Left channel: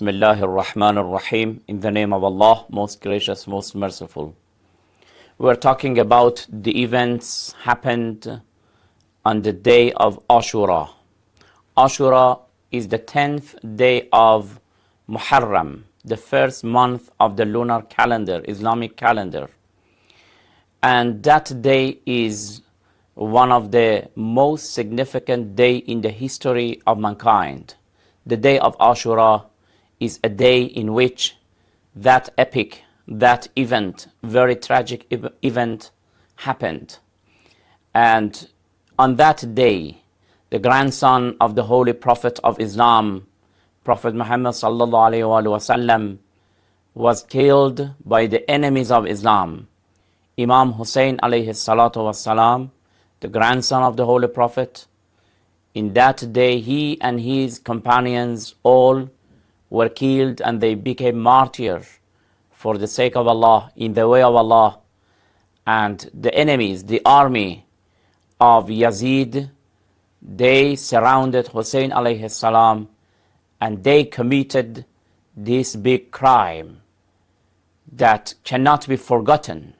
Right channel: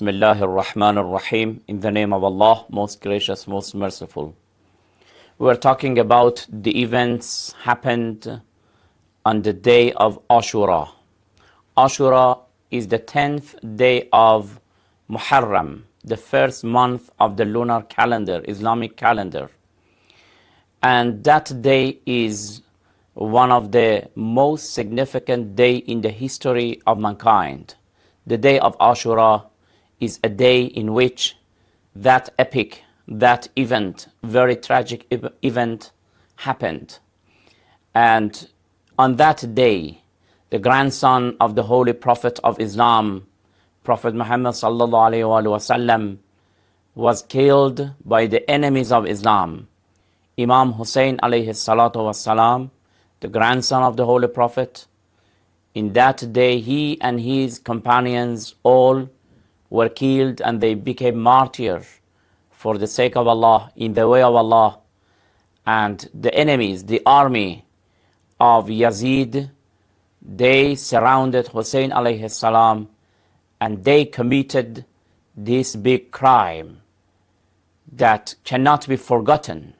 Bismillah ar-Rahman ar-Rahim. In the name of Allah, most gracious, most merciful. We're talking about the events happened on the day of Ashura. Ashura is the 10th day of Muharram, the first month of the lunar calendar, Islamic calendar. And that day is one of the most significant days in the history of mankind. The day of Ashura is a day in which that epic, that event, very tragic event happened. And on that day, the grandson of the Holy Prophet of Islam, Prophet Muhammad sallallahu alaihi wasallam, was killed by the enemies of Islam. Imam Hussain alayhi salatu wasalam, the grandson of the Holy Prophet, in that day he and his companions all were killed and they became martyrs for the sake of Allah, in the way of Allah. And the enemies, the army of Yazid, they surrounded Hussain alayhi salam and they committed this big crime that cannot be forgotten.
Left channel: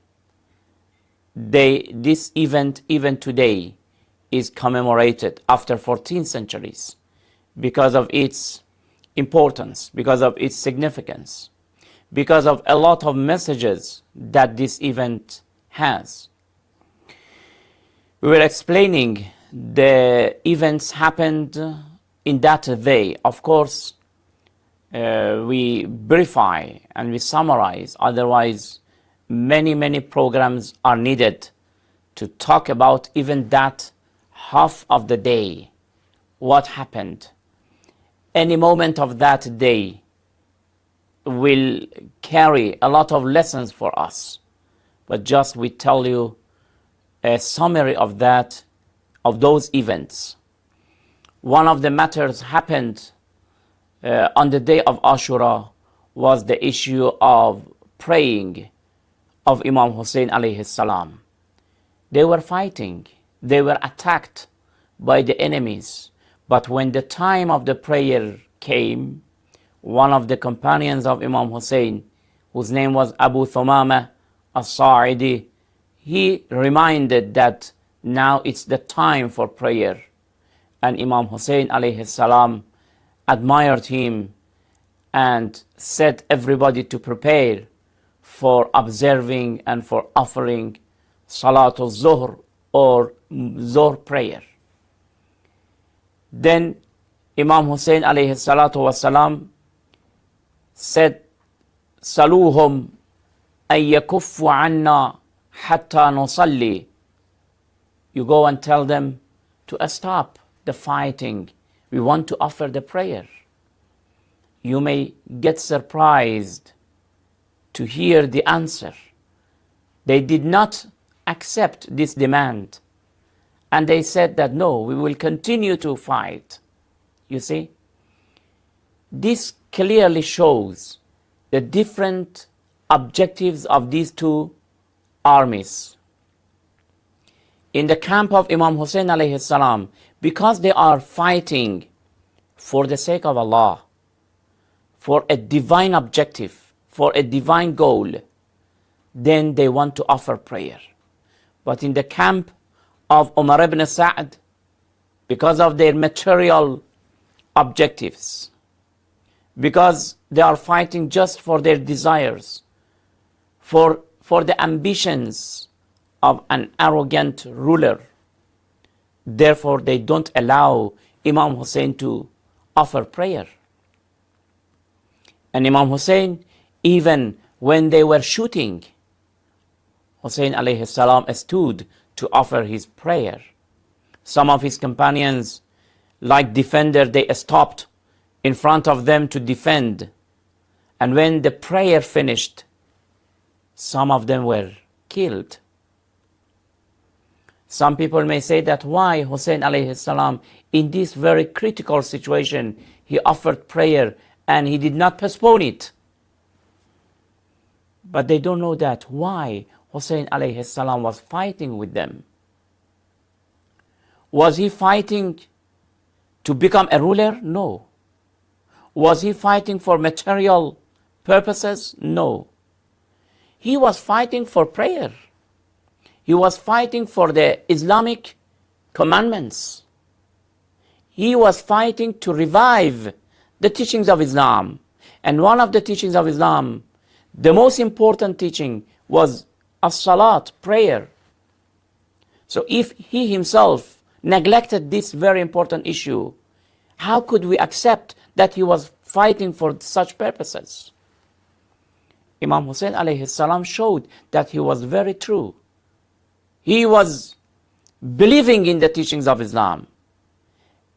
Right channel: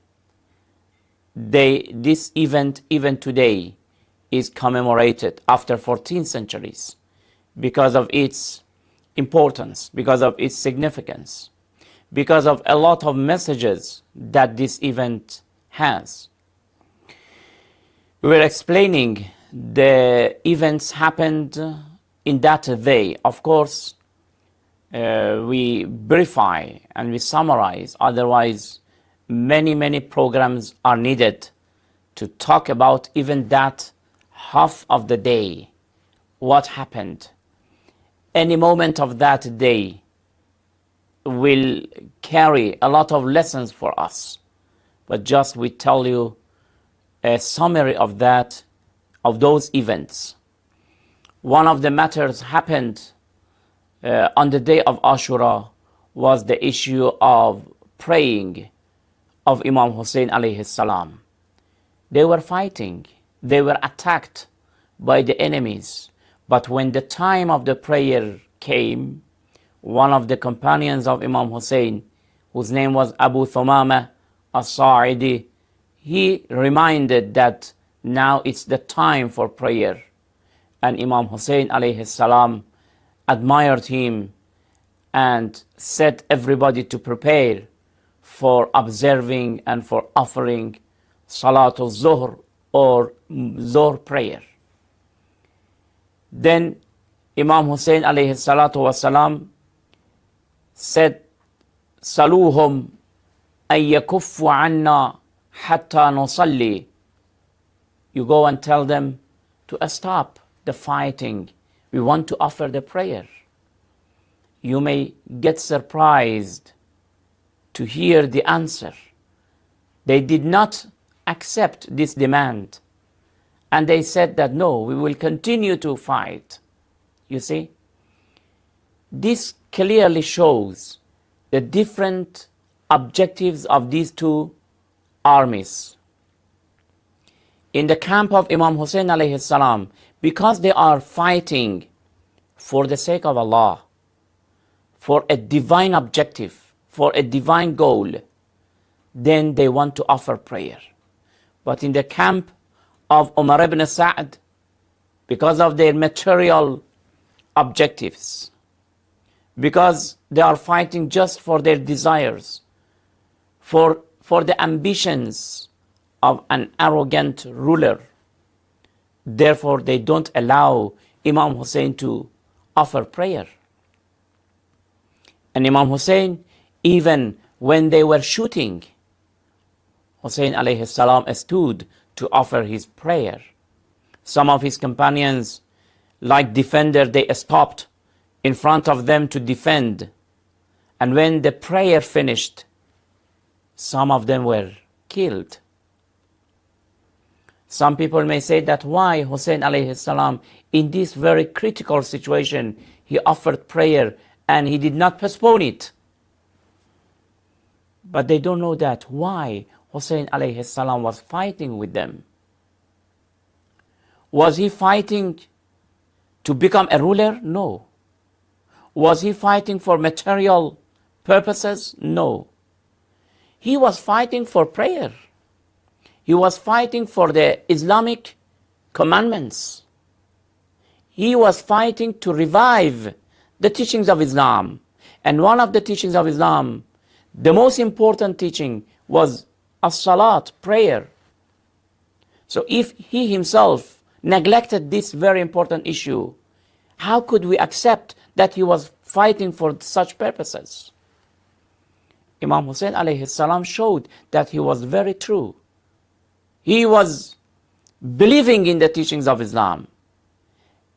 This event, even today, is commemorated after 14 centuries because of its importance, because of its significance, because of a lot of messages that this event has. We were explaining the events happened in that way. Of course, we briefy and we summarize, otherwise many programs are needed to talk about even that half of the day, what happened. Any moment of that day will carry a lot of lessons for us, but just we tell you a summary of that, of those events. One of the matters happened on the day of Ashura was the issue of praying of Imam Hussain alayhi salam. They were fighting, they were attacked by the enemies. But when the time of the prayer came, one of the companions of Imam Hussain, whose name was Abu Thumama as-Sa'idi, he reminded that now it's the time for prayer. And Imam Hussain alayhi salam admired him and set everybody to prepare for observing and for offering Salatul Zuhr or Zuhr prayer. Then Imam Hussain alayhi salatu wasalam said, Saluhum an yakuffu anna hatta nusalli. You go and tell them to stop the fighting. We want to offer the prayer. You may get surprised to hear the answer. They did not accept this demand. And they said that, no, we will continue to fight. You see, this clearly shows the different objectives of these two armies. In the camp of Imam Hussain alayhi salam, because they are fighting for the sake of Allah, for a divine objective, for a divine goal, then they want to offer prayer. But in the camp of Umar ibn Sa'd, because of their material objectives, because they are fighting just for their desires, for the ambitions of an arrogant ruler, therefore they don't allow Imam Hussain to offer prayer. And Imam Hussain, even when they were shooting, Hussain alayhi salam stood to offer his prayer. Some of his companions, like defender, they stopped in front of them to defend. And when the prayer finished, some of them were killed. Some people may say that why Hussain alayhi salam, in this very critical situation, he offered prayer and he did not postpone it. But they don't know that why Hussain alayhi salam was fighting with them. Was he fighting to become a ruler? No. Was he fighting for material purposes? No. He was fighting for prayer. He was fighting for the Islamic commandments. He was fighting to revive the teachings of Islam. And one of the teachings of Islam, the most important teaching, was as-salat, prayer. So if he himself neglected this very important issue, how could we accept that he was fighting for such purposes? Imam Hussain alayhi salam showed that he was very true. He was believing in the teachings of Islam.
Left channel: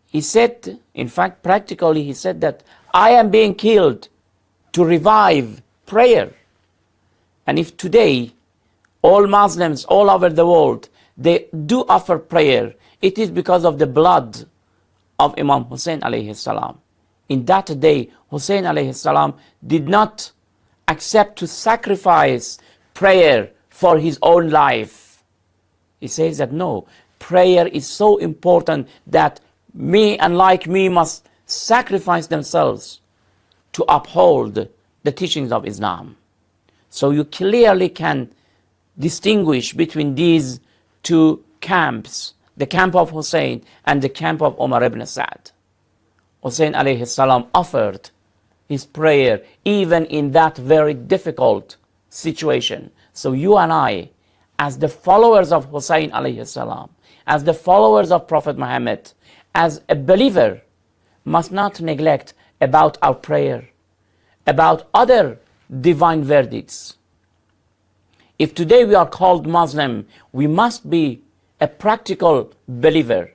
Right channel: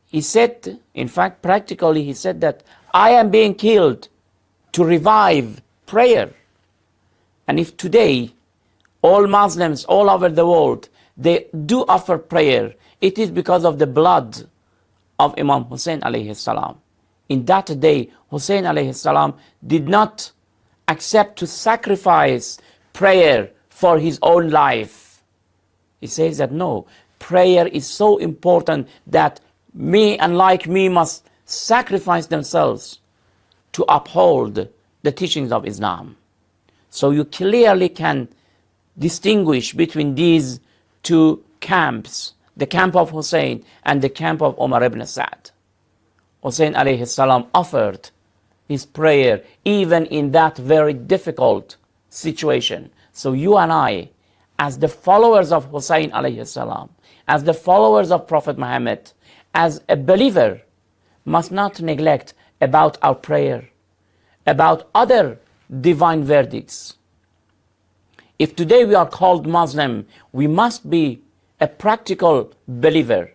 He said, in fact, practically, he said that I am being killed to revive prayer. And if today all Muslims all over the world, they do offer prayer, it is because of the blood of Imam Hussain alayhi salam. In that day, Hussain alayhi salam did not accept to sacrifice prayer for his own life. He says that no, prayer is so important that me and like me must sacrifice themselves to uphold the teachings of Islam. So you clearly can distinguish between these two camps, the camp of Hussein and the camp of Umar ibn Sa'd. Hussein alayhi salam offered his prayer even in that very difficult situation. So you and I, as the followers of Hussein alayhi salam, as the followers of Prophet Muhammad, as a believer, must not neglect about our prayer, about other divine verdicts. If today we are called Muslim, we must be a practical believer.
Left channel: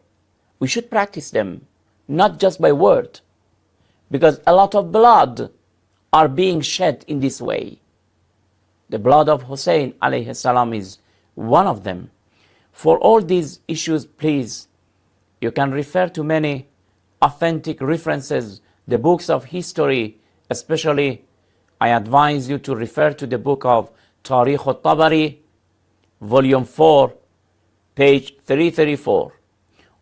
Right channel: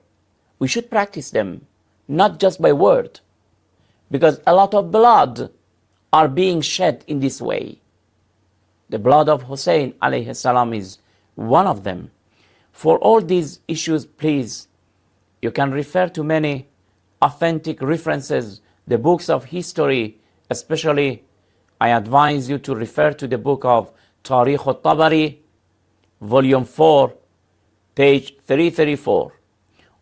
We should practice them, not just by word, because a lot of blood are being shed in this way. The blood of Hussein alayhi salam is one of them. For all these issues, please, you can refer to many authentic references, the books of history, especially I advise you to refer to the book of Tariq al-Tabari, volume 4, page 334.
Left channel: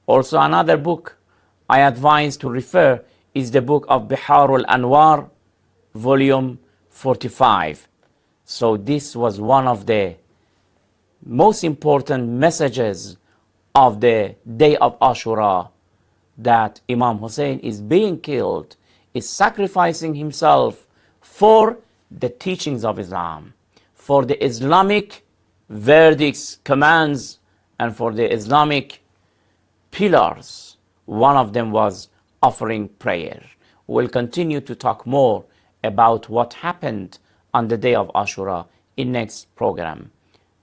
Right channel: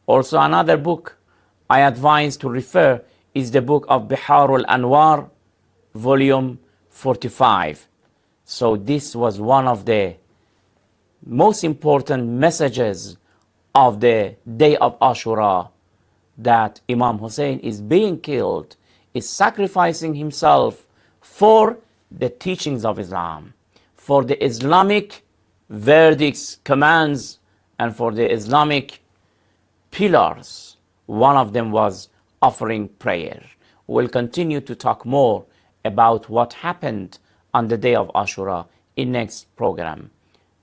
Also another book I advise to refer is the book of Bihar al-Anwar, volume 45. So this was one of the most important messages of the day of Ashura, that Imam Hussain is being killed, is sacrificing himself for the teachings of Islam, for the Islamic verdicts, commands, and for the Islamic pillars. One of them was offering prayer. We'll continue to talk more about what happened on the day of Ashura in next program.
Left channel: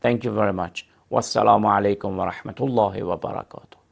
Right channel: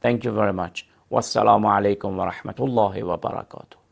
Thank you very much. Wassalamu alaikum wa rahmatullahi wa barakatuh.